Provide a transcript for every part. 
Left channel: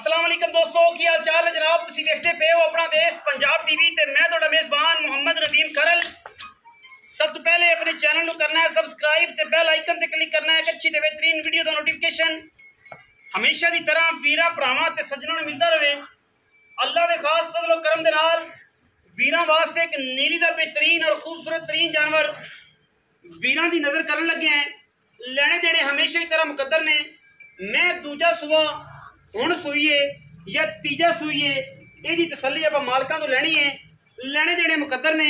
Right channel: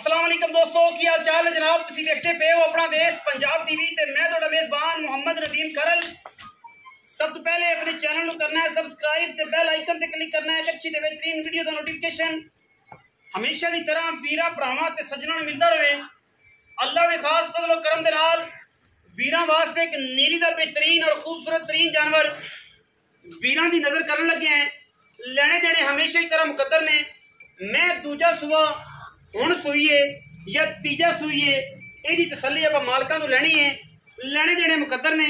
अस्सलाम वालेकुम दोस्तों, की हाल चाल है जनाब। तुसीं देखते पे हो अपना देश पंजाब टीवी ते मैं तुहाडा मेज़बान मुहम्मद नदीम करल। सब तो पहले अपने चैनल को करना है सब्सक्राइब ते बेल आइकन ते क्लिक करना है। एक अच्छी ते बेहतरीन वीडियो दा नोटिफिकेशन हमेशा की तरह वीरां भरावां ते सज्जनां नूं मिलदा रहे। अल्लाह दे खास फजल और करम दे नाल वीरां वास्ते एक नीली दा बेहतरीन और खूबसूरत तरीन जानवर वीरां दी नज़र करन लगे हैं। लेने देने हमेशा की तरह मुकद्दर ने। मैं दूजा सुबह हुण सूईए या तीजा सूईए यही तसली आप मालकां तो लैनी है। लेने देने मुकद्दर ने।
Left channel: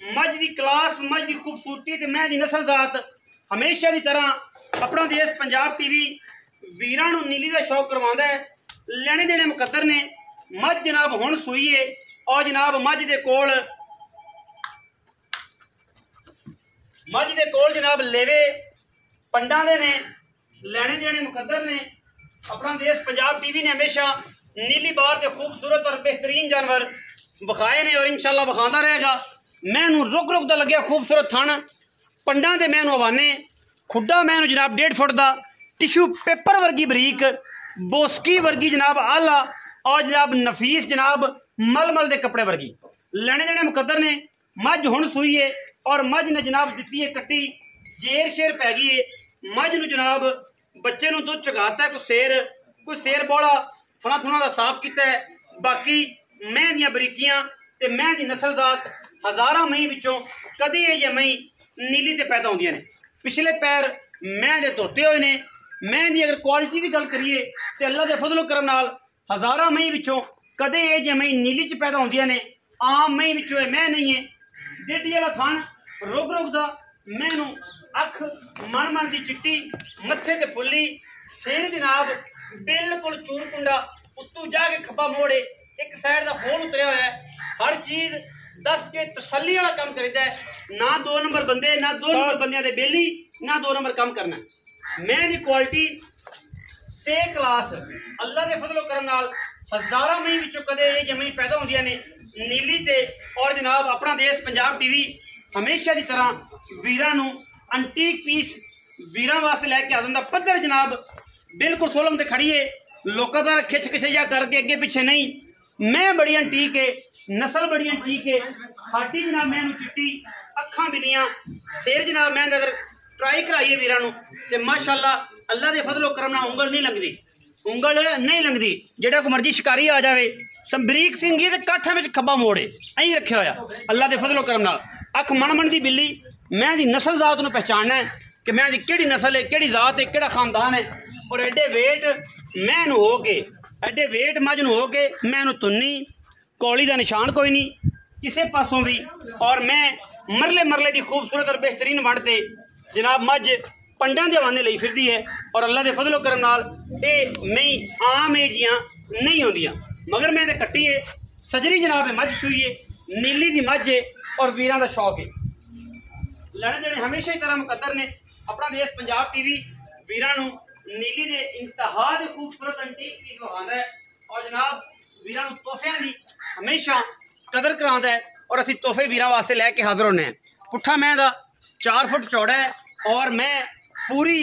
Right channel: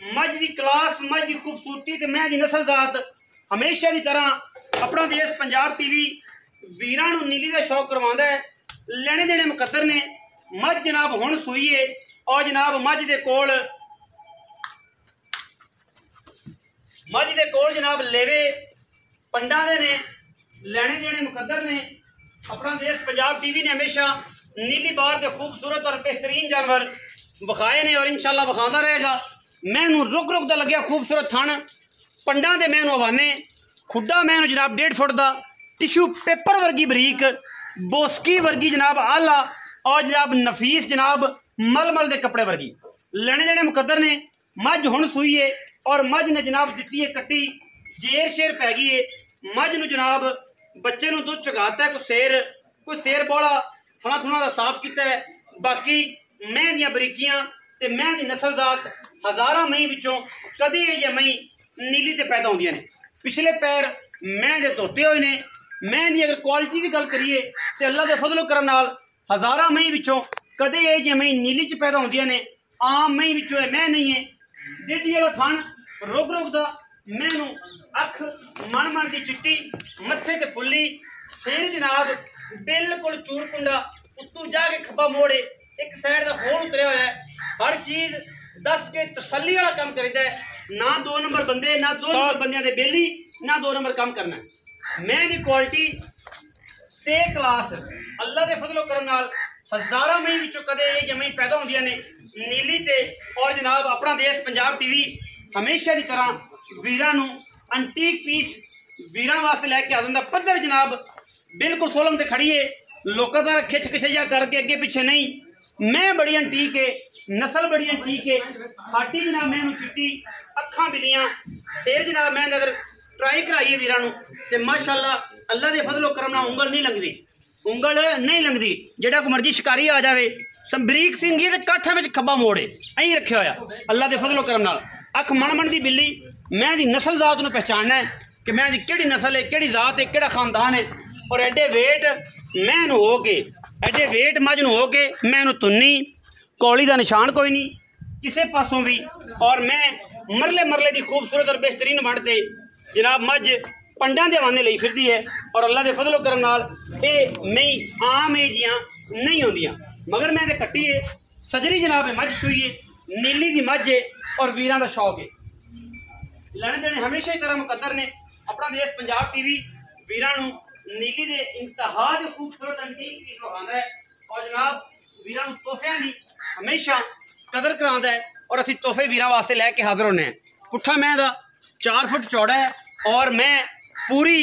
मझ की क्लास, मझ की खूबसूरती ते मैं दी नस्ल जात हमेशा की तरह अपना देश पंजाब टीवी वीरां नूं नीली का शौक करवांदा है। लेने देने मुकद्दर ने। मझ जनाब हुण सूईए और जनाब मझ दे कोल जनाब लेवे पंडा दे ने। लेने देने मुकद्दर ने। अपना देश पंजाब टीवी ने हमेशा नीली बार के खूबसूरत और बेहतरीन जानवर विखाए ने और इंशाल्लाह विखांदा रहेगा। मैनू रुक रुक दा लग्या खूबसूरत थन पंडा दे। मैनू हवाने खुड्डा मैनू जनाब 1.5 फुट का टिशू पेपर वर्गी बरीक बोस्की वर्गी जनाब आला और जनाब नफीस जनाब मलमल के कपड़े वर्गी। लेने देने मुकद्दर ने। मझ हुण सूई है और मझ ने जनाब दिती है कट्टी जेर शेर पै गई है। मझ नूं जनाब बच्चे नूं दुध चगाता है। कोई शेर बौला थणा थुणा दा साफ किया है। बाकी मैं दियां बरीकियां ते मैं दी नस्ल जात हज़ारां मई विचों कदे ये मई नीली ते पैदा होंदियां ने। पिछले पैर मैं दे धोते हुए ने। मैं दी अगर क्वालिटी की गल करिए तो अल्लाह के फजलो करम नाल हज़ारां मई विचों कदे ये मई नीली च पैदा होंदियां ने। आम मई विचों मैं नहीं है। डेडी वाला थन रुक रुक दा मैनू अख मन मन की चिट्टी मत्थे ते फुल्ली सिर जनाब बिल्कुल चूर कुंडा उत्तू जाके खब्बा मोड़े एक साइड का होल उतरिया हुआ है। हर चीज दस के तसल्ली वाला काम करता है। ना 2 नंबर बंदे ना 2 नंबर बंदियां दे बेली ना 2 नंबर काम करना है। मैं दी क्वालिटी ते क्लास अल्लाह के फजलो करम नाल हज़ारां मई विचों कदे ये जमई पैदा होंदियां ने नीली ते। और जनाब अपना देश पंजाब टीवी हमेशा की तरह वीरां नूं अंटीक पीस वीरां वास्ते लैके आ जांदा। पद्धर जनाब बिल्कुल सोलंग ते खड़ी है। लोगों का खिच खिचैया करके अगे पिछे नहीं। मैं बड़ी अंटीक है, नस्ल बड़ी अंटीक है। खाटी जनाब मैनू चिट्टी अखां बिलियां सिर जनाब मैं अगर ट्राई कराइए वीरां नूं ते माशाअल्लाह अल्लाह दे फजलो करम नाल उंगल नहीं लंघदी। जेड़ा कोई मर्जी शिकारी आ जाए संबरीक सिंह ही काठा में खब्बा मोड़े अं रखे होया अल्लाह के फजलो करम नाल। अख मन मन की बिल्ली मैं दी नस्ल जात नूं पहचानना है कि मैं दी केड़ी नस्ल है, केड़ी जात है, केड़ा खानदान है। और एडे वेट मैनू हो के एडे वेट मझ नूं हो के मैनू तुन्नी कौली का निशान कोई नहीं किसी पासों भी। और मैं मरले मरले की खूबसूरत और बेहतरीन वंडते जनाब मझ पंडा के हवाने लई फिरदी है। और अल्लाह के फजलो करम नाल ये मई आम एजियां नहीं होंदियां मगर मैं ते कट्टी है सजरी जनाब मझ सूई है नीली दी मझ है और वीरां दा शौक है। लेने देने हमेशा ही तरह मुकद्दर ने। अपना देश पंजाब टीवी वीरां नूं नीली दे इंतहा दे खूबसूरत अंटीक पीस विखांदा है और जनाब वीरां नूं तोहफियां दी हमेशा कदर करांदा है। और असीं तोहफे वीरां वास्ते लैके हाज़र होने हैं। पुट्ठा मैं दा 4 फुट चौड़ा है और मैं पूरी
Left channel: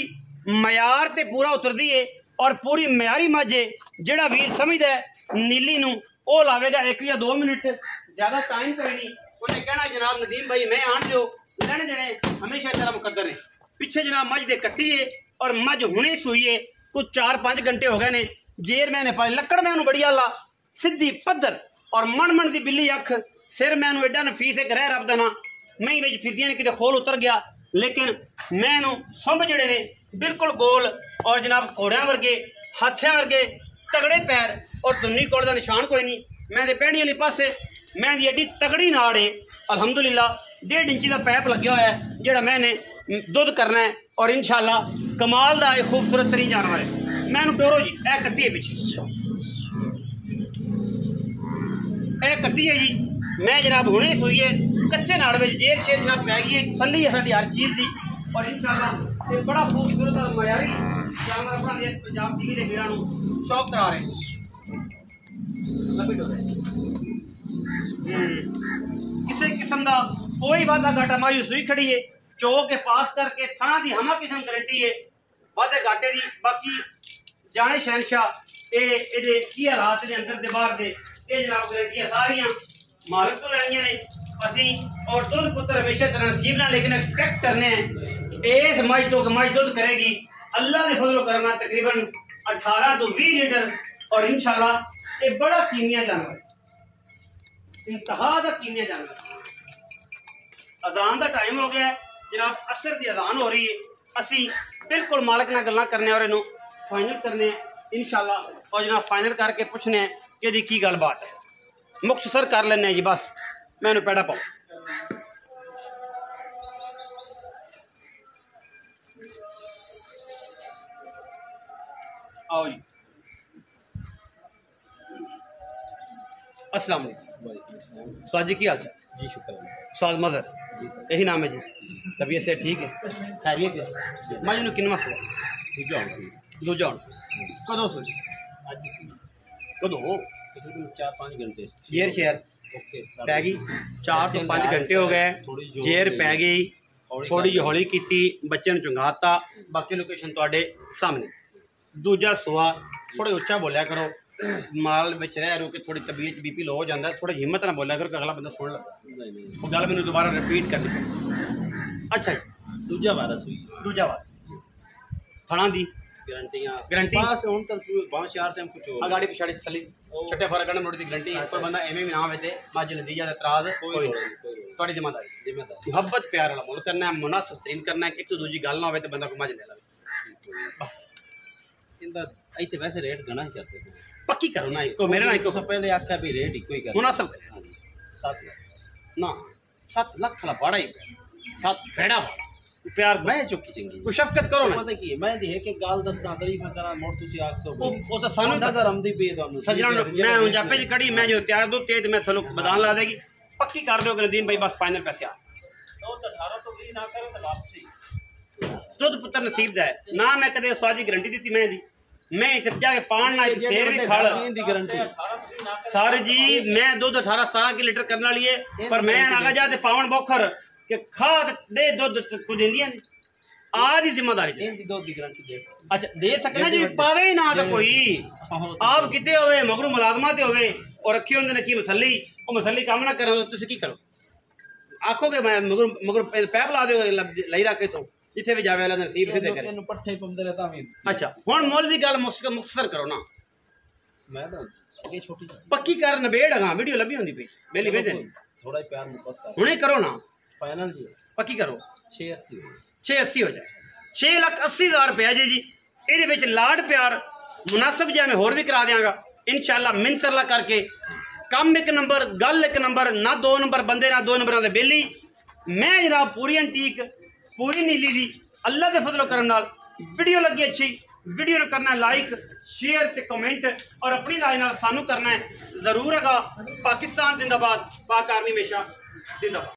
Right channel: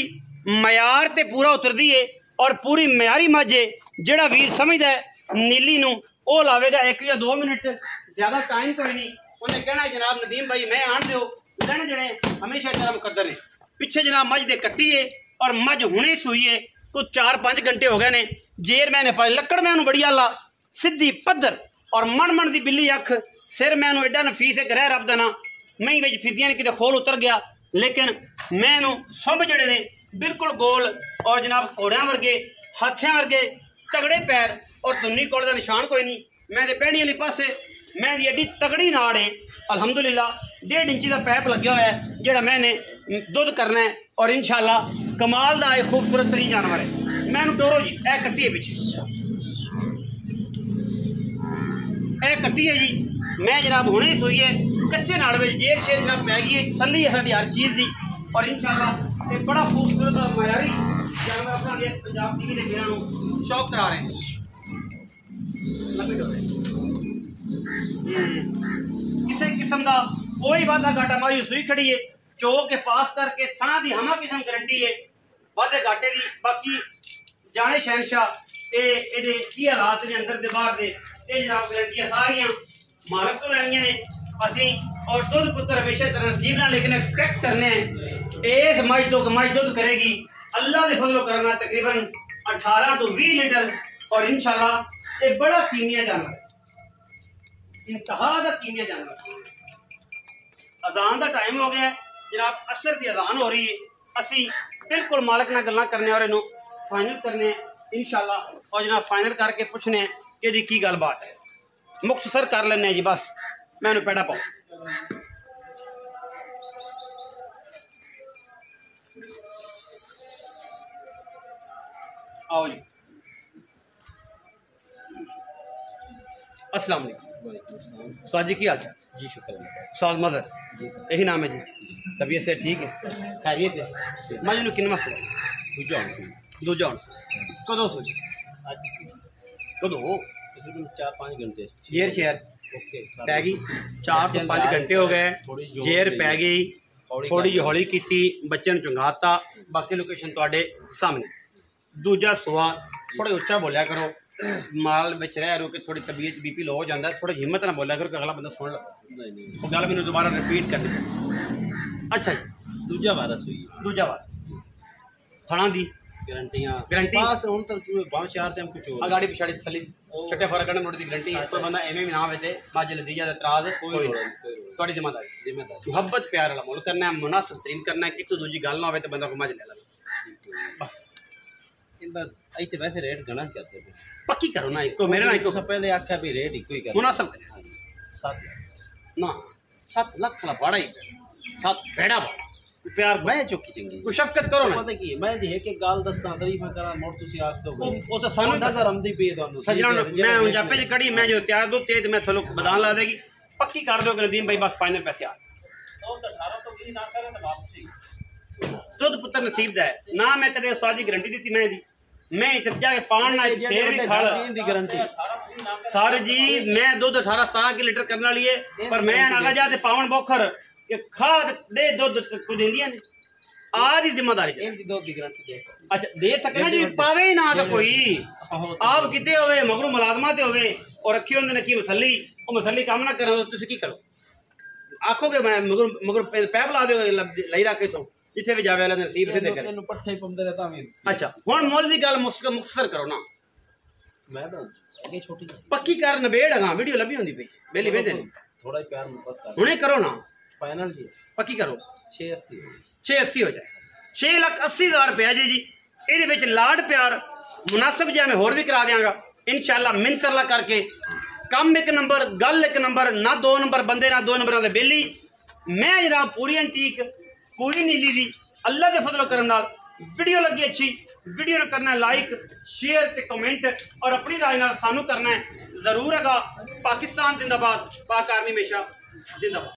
मयार ते पूरा उतरदी है और पूरी मयारी मझ है। जिहड़ा वीर समझदा है नीली नूं ओह लावेगा 1 या 2 मिनट, ज़्यादा टाइम कोई नहीं। उन्हें कहना जनाब नदीम भाई मैं आन दो। लेने देने हमेशा तरह मुकद्दर है। पिछे जनाब मझ दे कट्टी है और मझ हुणे सूई है। कुछ 4-5 घंटे हो गए ने। जेर मैंने पाई लक्कड़ मैनू बड़ी आला सीधी पद्धर और मन मन की बिल्ली अख सिर मैनू एडा नफीस है ग्रह रब दा ना मई विच फिरदियां किते खोल उतर गया। लेकिन मैनू सुंभ जड़े ने बिल्कुल गोल और जनाब घोड़ियां वर्गे हाथियां वर्गे तगड़े पैर और दुन्नी कोल का निशान कोई नहीं। मैं दे पैड़ी वाली पासे मैं दी एडी तगड़ी नाड़ है अल्हम्दुलिल्लाह 1.5 इंची का पैप लग्या हुआ है जोड़ा मैंने दुध करना है। और इंशाल्लाह कमाल का एक खूबसूरत तरीन जानवर है। मैनू डोरो जी ए कट्टी है पिछे ए कट्टी है जी। मैं जनाब हुणे सूई है कच्चे नाड़ में जेर शेर जनाब पै गई है। तसल्ली है साडी हर चीज़ की। और इंशाल्लाह ये बड़ा खूबसूरत और मयारी जानवर अपना देश पंजाब टीवी के वीरां नूं शौक करा रहे हैं। किसी किस्म का कोई वादा घाटा मायूस हुई खड़ी है। चो के पास करके थाना की हमा किस्म गारंटी है वादे घाटे की। बाकी जाने शहनशाह ये की हालात ने अंदर दे बाहर दे ये जनाब गारंटियां सारियां मालक तो लैनियां ने असी और दुध पुत्र हमेशा तरह नसीब ना लेकिन एक्सपेक्ट करने इस मज दुध करेगी अल्लाह ने फजलो करना तकरीबन 18 तो 20 लीटर और इंशाल्लाह ये बड़ा कीमिया जानवर है इंतहा का कीमिया जानवर। अजान का टाइम हो गया है जनाब असर की अजान हो रही है असी बिल्कुल मालक नाल गल्लां करने और इन्हू फाइनल करने इंशाल्लाह और जनाब फाइनल करके पूछने कि दी की गलबात है मुख्तसर कर लेने जी बस मैंने पैड़ा पाओ आओ जी अस्सलाम वालेकुम स्वाद जी की हाल चाल जी शुक्र स्वाद मदर जी सर यही नाम है जी तबीयत से ठीक है खैरियत है मैं जिन्होंने किन्ना सुआ दूजा हूँ कदों सोच अज सी कदों तकरीबन 4-5 घंटे जेर शेयर ओके पै गई 4 तो 5 घंटे हो गए जेर पै गई थोड़ी जी हौली की बच्चे ने चुंगाता बाकी लोकेशन तुहाडे सामने दूजा सुआ थोड़े उच्चा बोलिया करो माल में रह रो के थोड़ी तबीयत बीपी लो हो जाता है थोड़ी हिम्मत ना बोलिया करो कि अगला बंदा सुन लगे वो गल मैंने दोबारा रिपीट करनी पड़ी। अच्छा जी दूजा वारस हुई दूजा बार थना दी गारंटी पास हुन तक बहुत चार टाइम कुछ हो गाड़ी पिछाड़ी तसली छठे फरक करने मोड़ी दी गारंटी कोई बंदा एवें भी ना आवे ते मां जल्दी जा इतराज कोई थोड़ी जिम्मेदारी मोहब्बत प्यार वाला मुल करना है मुनासिब तरीन करना है एक तो दूजी गल ना होवे ते बंदा को मज ले लगे बस इंदा इते वैसे रेट घना ही करते हैं पक्की करो ना इको मेरे ना इको सब पहले आख्या भी रेट इको ही कर मुनासिब करे 7 लाख ना 7 लाख ला बड़ा ही 7 बेड़ा बड़ा प्यार मैं चुकी चंगी कोई शफकत करो ना पता की मैं दी है कि गाल दस्ता तारीफ करा मोड़ तुसी आख सो ओ तो सानू नजर आमदी पे ਤੁਹਾਨੂੰ सजना मैं उन जापे च कड़ी मैं जो तैयार दो तेज मैं थलो बदान ला देगी पक्की कर दो नदीम भाई बस फाइनल पैसे आ 18 तो 20 ना करे तो वापसी दुध पुत्र नसीब दा है ना मैं कदे स्वाद की गारंटी दी मैं जब जाके पान ना शेर भी खाल दी गारंटी सर जी मैं दूध 18-17 की लीटर करने वाली है पर मैं आगा जाते पावन बोखर कि खा दे दूध को देंदियां ने आधी जिम्मेदारी इनकी दूध की गारंटी दे अच्छा दे सकना जी पावे ही ना तो कोई आप किते होवे मगरू मुलाजमा ते होवे और रखी होंदे ने की मसली ओ मसली काम ना करो तो तुसी की करो आखोगे मैं मगर पैप ला दो लई रखे तो जिथे भी जावे वाला नसीब से करे इनु पट्ठे पंदे रहता मैं अच्छा हुन मोल दी गल मुख्तसर करो ना मैं तो आगे छोटी पक्की कर नबेड़ हां वीडियो लभी होंदी पे बेली बेदे थोड़ा प्यार मोहब्बत कर हुने करो ना फाइनल जी पक्की करो 680 हो जाए 6,80,000 रुपया जी ये विच लाड प्यार मुनासिब जिहा मैं होर भी करा देंगा इंशाल्लाह मिंतरला करके कम एक नंबर गल एक नंबर ना 2 नंबर बंदे ना 2 नंबर दे बेली मैं जनाब पूरी एंटीक पूरी नीली दी अल्लाह के फजलो करन नाल वीडियो लगी अच्छी वीडियो करना लाइक शेयर ते कमेंट और अपनी राय नाल सानू करना है जरूर है पाकिस्तान जिंदाबाद पाक आर्मी हमेशा जिंदाबाद।